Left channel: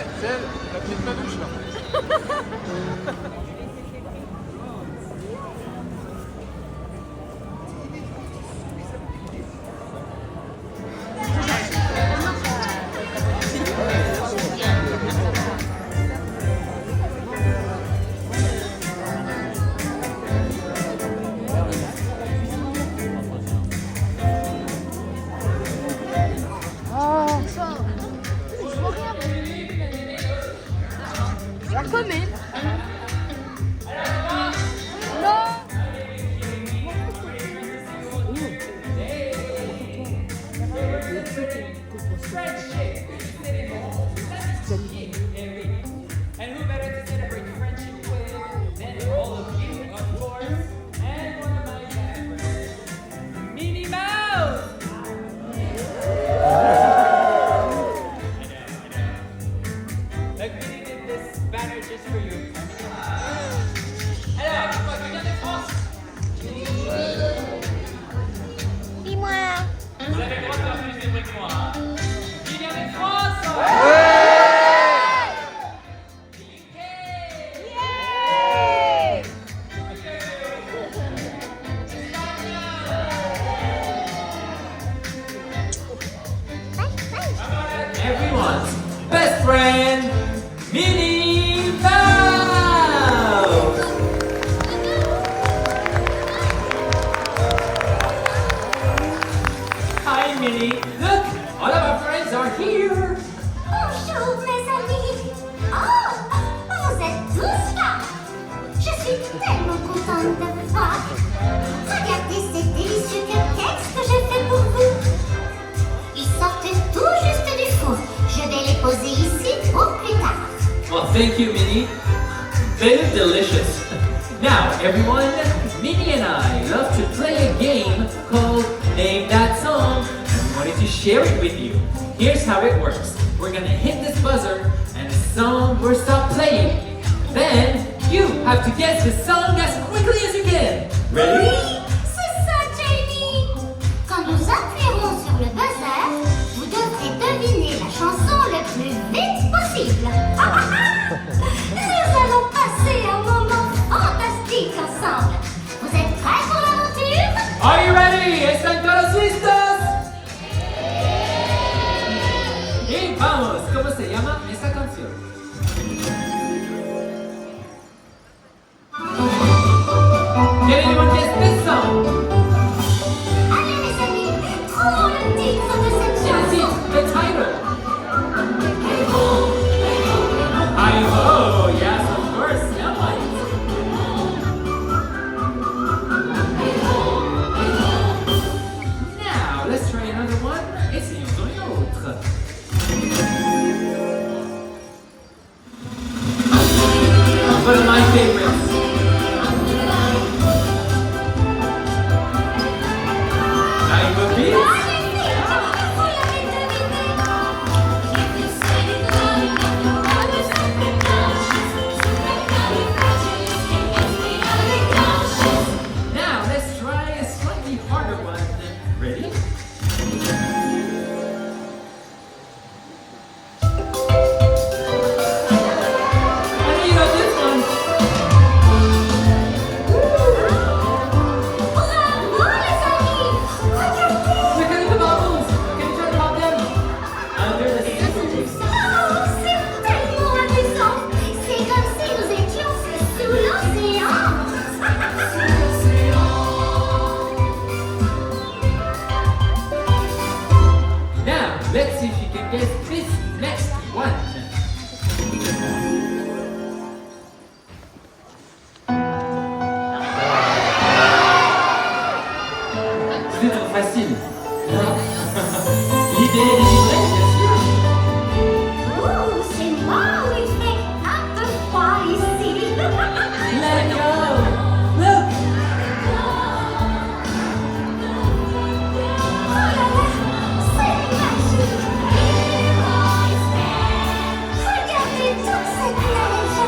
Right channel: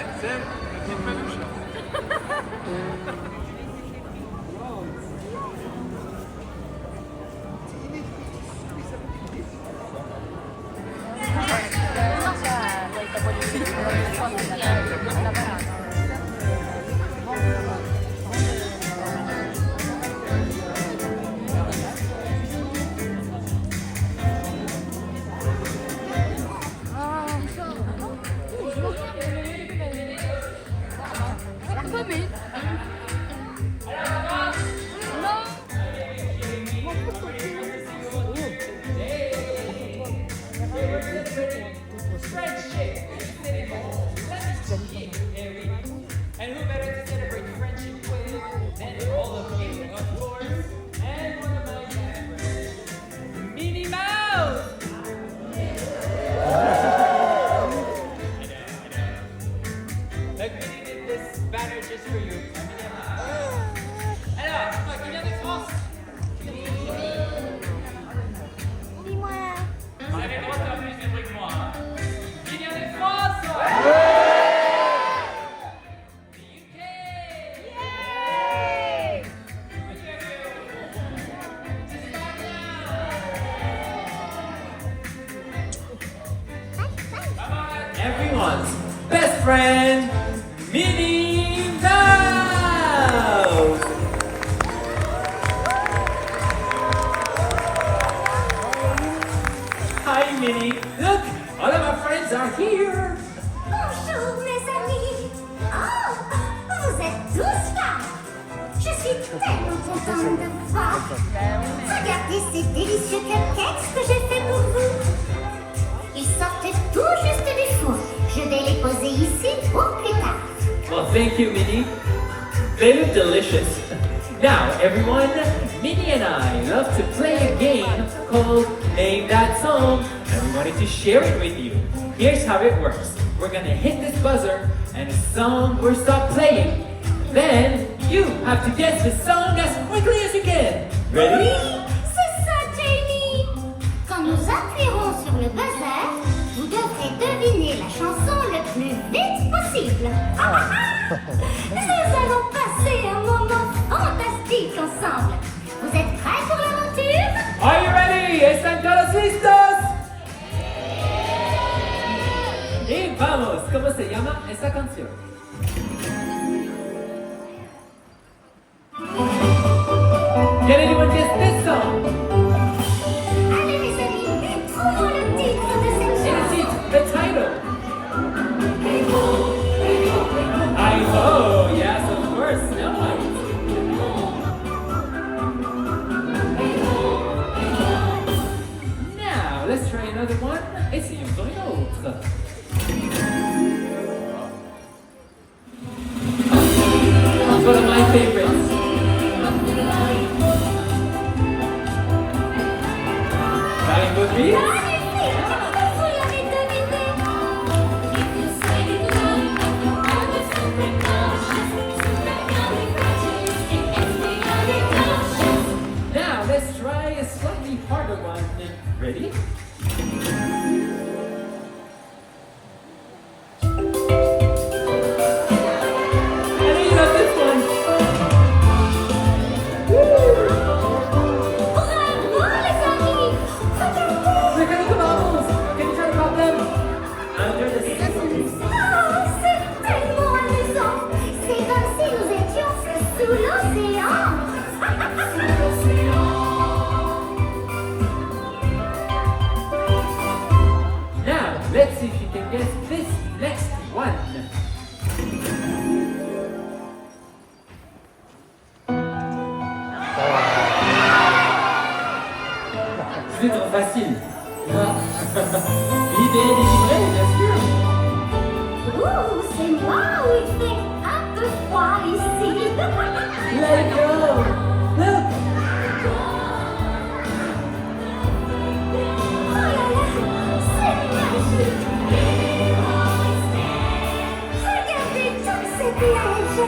Ouais, c'est elle, la petite peluche. And who better to celebrate friendship with than all of you, of course, and one of my best friends, Minnie Mouse! I know. Like Minnie did this banner just for you. Alors, qui vient de France? Minnie. Dis-moi. Vous avez le droit de faire plus de bruit que moi, hein? Qui vient de France? Everyone's best friend, Minnie Mouse! Hi, Minnie. Look, all of our friends are here. Bonjour mes amis. Oh, vous êtes tous là. Je suis tellement contente de vous voir. Regardez ces délicieux cupcakes que j'ai fait pour vous. Ils sortent tout juste du four. Je vais les poser ici pour plus tard. Well, thank you, Minnie. They look delicious. Now, everyone, Minnie and I love to play a game called Name That Song, and we wanted to share it with you. Here's how it works. We're gonna hit this buzzer, and the song will stop playing. Then, you have to guess the song as quickly as you can. Ready? Oui, c'est ça, Jamie. Quand nous appuierons sur le buzzer, vous devrez deviner la chanson le plus vite possible. Nous allons passer un moment fantastique ensemble. Vous êtes prêts pour l'aventure? Are you ready? ¿Están listos? Y vamos, ¿cómo se llama esta canción? Can anyone guess this song? Allez, mes amis, trouvons le titre de cette It is chanson. the title. I know, yes, of course, nice. Now, let's try another one. Essayons dans une autre. One of my favorites. Trying to beat. Vous l'avez deviné. Now, let's try a slightly harder one. Ready? I know you got this one. Bravo, les amis. Regardez. Look at the bubbles. Can you try to pop them? Under the scissors. Oh, c'est tellement amusant. C'est comme si nous étions sous l'océan. Now, let's see if you can guess this next one. C'est trop facile. L'idée est délivrée, bien sûr. Ouh, c'est moi où il fait un peu froid ici. Let it go. Look. Oh là là, c'est magique. Regardez toute cette neige.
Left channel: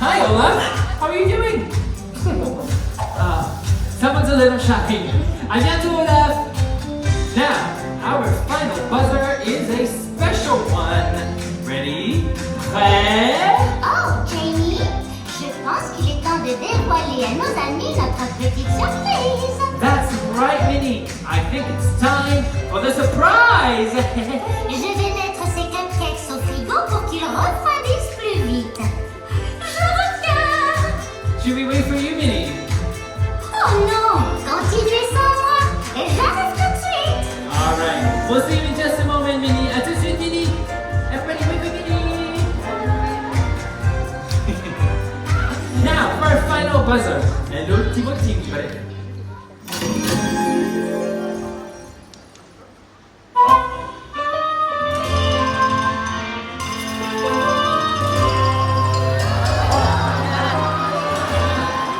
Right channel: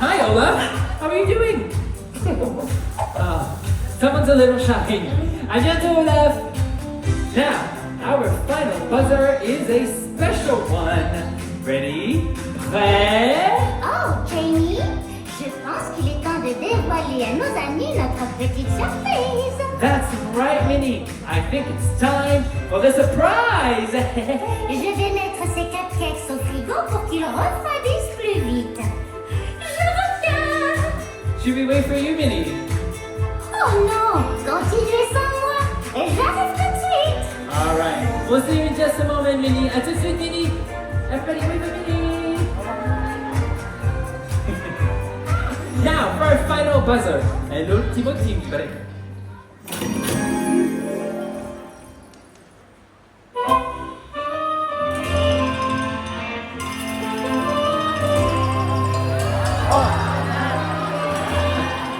Hi, Olaf. How are you doing? Someone's a little shy. À bientôt, Olaf. Now, our final buzzer is a special one. Ready? Prêt? Oh, Jamie, je pense qu'il est temps de dévoiler à nos amis notre petite surprise. That's right, Minnie. I think it's time for the surprise. Je vais mettre ces cupcakes au frigo pour qu'ils refroidissent plus vite. Je regarde. Should we wait for you, Minnie? Oh non, continuez sans moi et j'arrive tout de suite. All right. We'll see you in just a moment, Minnie. À tout de suite, Minnie. Everybody wait for Minnie. Now, for our final buzzer. Hello, Timothy.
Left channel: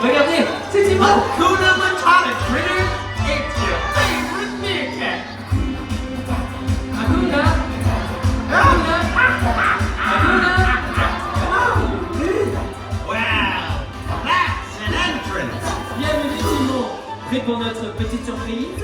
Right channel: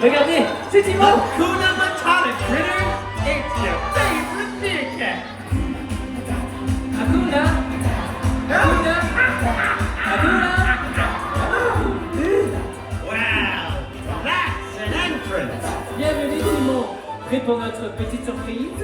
Regardez, c'est Timon. Hakuna Matata, critter. It's your favorite meerkat. Hakuna. Hakuna. Hakuna. Wow, that's an entrance. Bienvenue, Timon. Prêt pour notre petite surprise?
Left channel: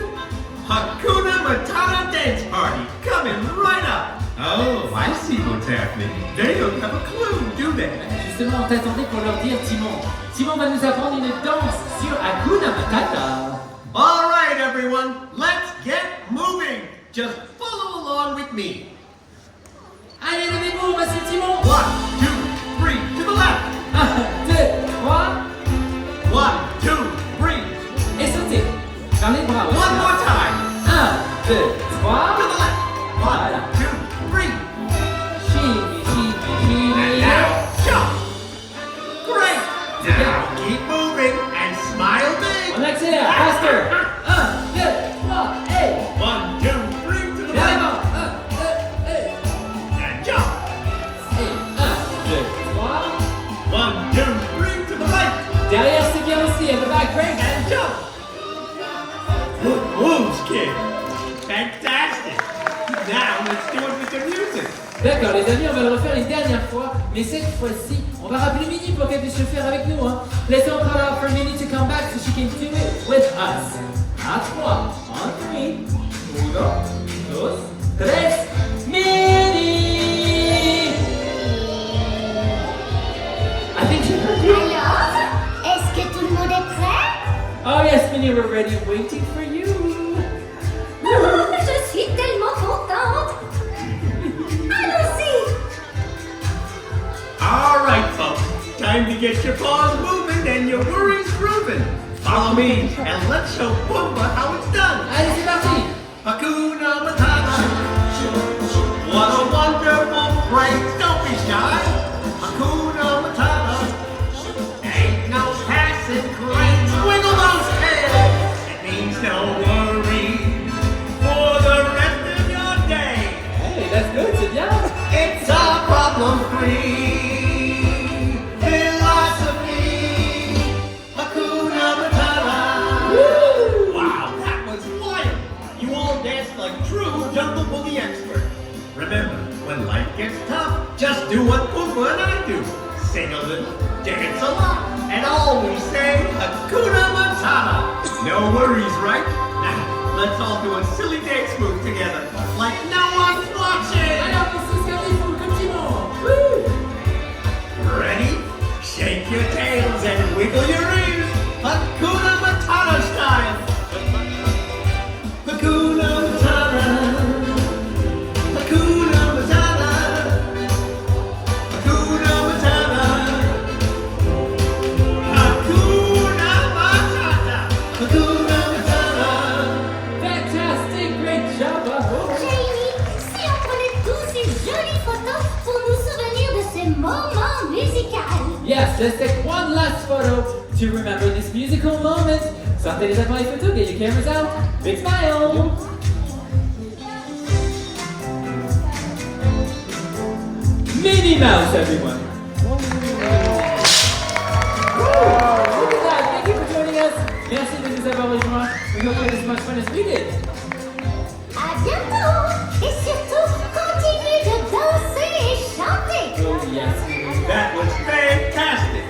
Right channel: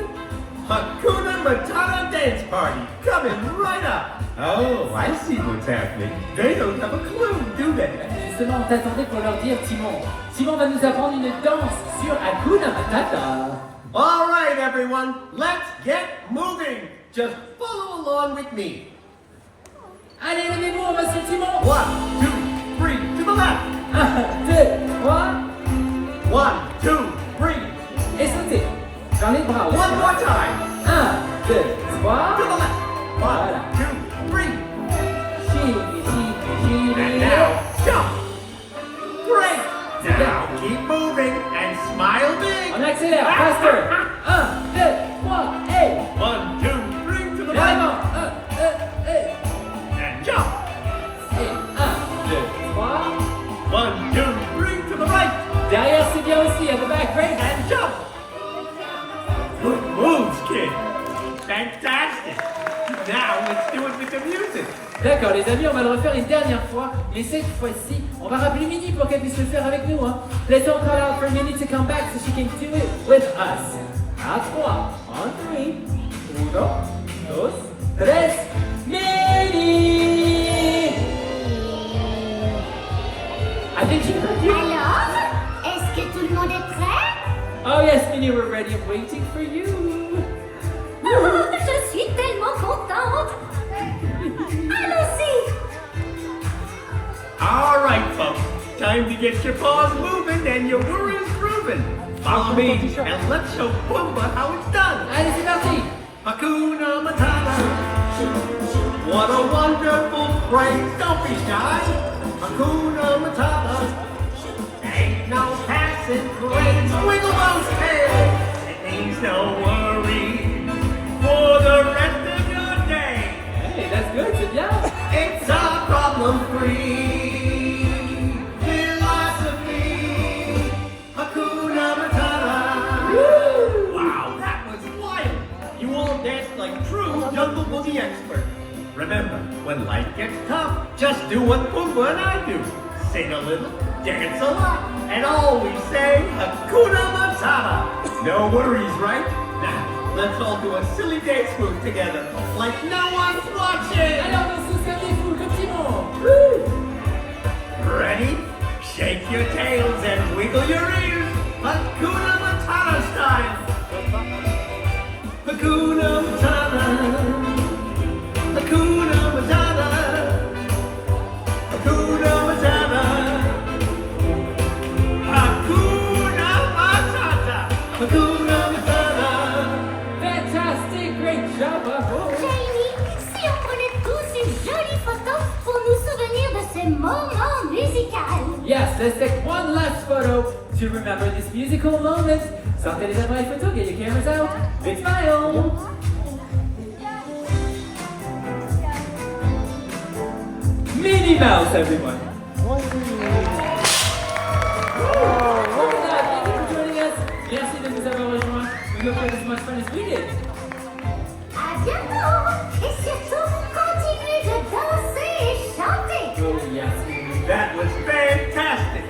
Hakuna Matata dance party coming right up. Oh, I see what's happening. They don't have a clue, do they? Justement, on t'attendait pour leur dire, Timon. Timon va nous apprendre une danse sur Hakuna Matata. All right, everyone, let's get moving. Just follow along with me. Allez, levez-vous, on va sur Timon. 1, 2, 3, to the left. 1, 2, 3. 1, 2, 3. Et sautez. Vers les bras aussi. One more time. 1, 2, 3. To the left. 1, 2, 3. Shimmy, shimmy, shimmy. And now, jump. Great. Now keep moving and smile big. On accélère, faster. 1, 2, 3, et. 1, 2, 3 to the Vers left. l'avant. 1, 2, et. And jump. Et 1, 2, 3. 1, 2, 3 to the right. Derrière, c'est bien aussi. On the back, great. And jump. Good moves, kid. Fantastic. Now let's do it with the music. D'accord, les amis, on va le refaire une dernière fois, mais cette fois-ci, on va rappeler Minnie pour qu'elle puisse le faire avec nous. Hein. Let's all call out for Minnie to come back so she can do it with us. À 3, en 3, 1, 2, 3, Minnie! I think you're ready. Alors, est-ce que tout le monde est prêt? Oh yes, Minnie, we're ready, waiting for you. Oh, je suis tellement contente. Allons-y. All right, folks. Time to get your paws moving and your worries grooving. Follow me and let's show Pumbaa how it's done. Allez, c'est parti. Hakuna Matata. What a wonderful phrase. Don't be shy. Hakuna Matata. Ain't no passing craze. Wiggle those tails. It means no worry for the rest of your day. Hey, that's good, c'est bien. It's a problem-free philosophy. Hakuna Matata. Woo! Wow, that was wild. You all danced like true Jungle Boogie experts. Remember, when life gets tough, just do what Pumbaa and I do. Sing a little, dance a lot, and always say Hakuna Matata. No worries, right? Now, let's all do a silly dance move together, like no one's watching. Alors, on se garde les fous comme Timon. Woo! Ready? Shake your tails and wiggle your ears. Hakuna Matata style. Hakuna Matata. Hakuna Matata. Hakuna Matata. Hakuna Matata. Hakuna Matata. Fantastic, great job, bravo. Jamie, si on prenait tous une jolie photo pour nous souvenir de ce moment musical. Yes, let's take one last photo to remember this musical moment. Sortez les appareils photo, get your cameras out. Big smile. Minnie Mouse, everyone. Woo! Look at that. Thank you for joining us. Merci de nous avoir rejoints. We hope you had as much fun as we did. À bientôt. Et surtout, continuez de danser et chanter. Oh, yes. That was fantastic.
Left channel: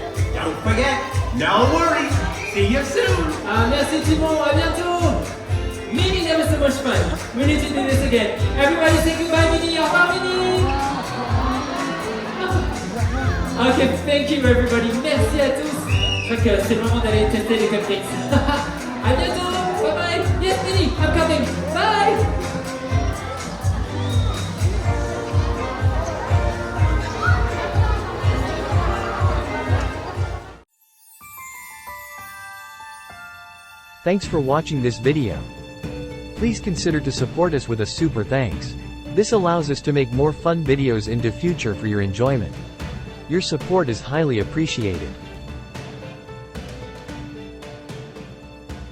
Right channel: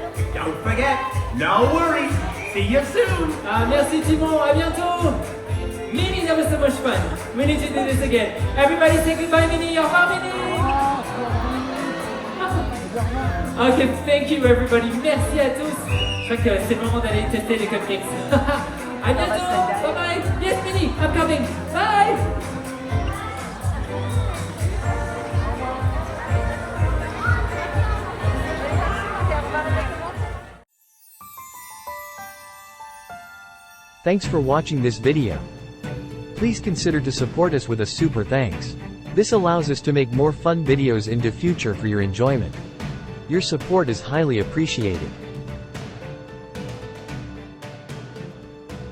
forget. No worries. See you soon. Merci Timon, à bientôt. Minnie, that was so much fun. We need to do this again. Everybody say goodbye, Minnie. Au revoir, Minnie. Ok, thank you everybody. Merci à tous. Je crois que c'est le moment d'aller tester les cupcakes. À bientôt. Bye bye. Yes, Minnie, I'm coming. Bye. Thanks for watching this video. Please consider to support us with a super thanks. This allows us to make more fun videos into future for your enjoyment. Your support is highly appreciated.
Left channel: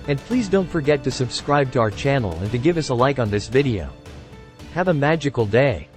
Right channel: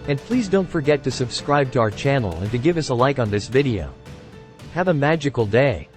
And please don't forget to subscribe to our channel and to give us a like on this video. Have a magical day.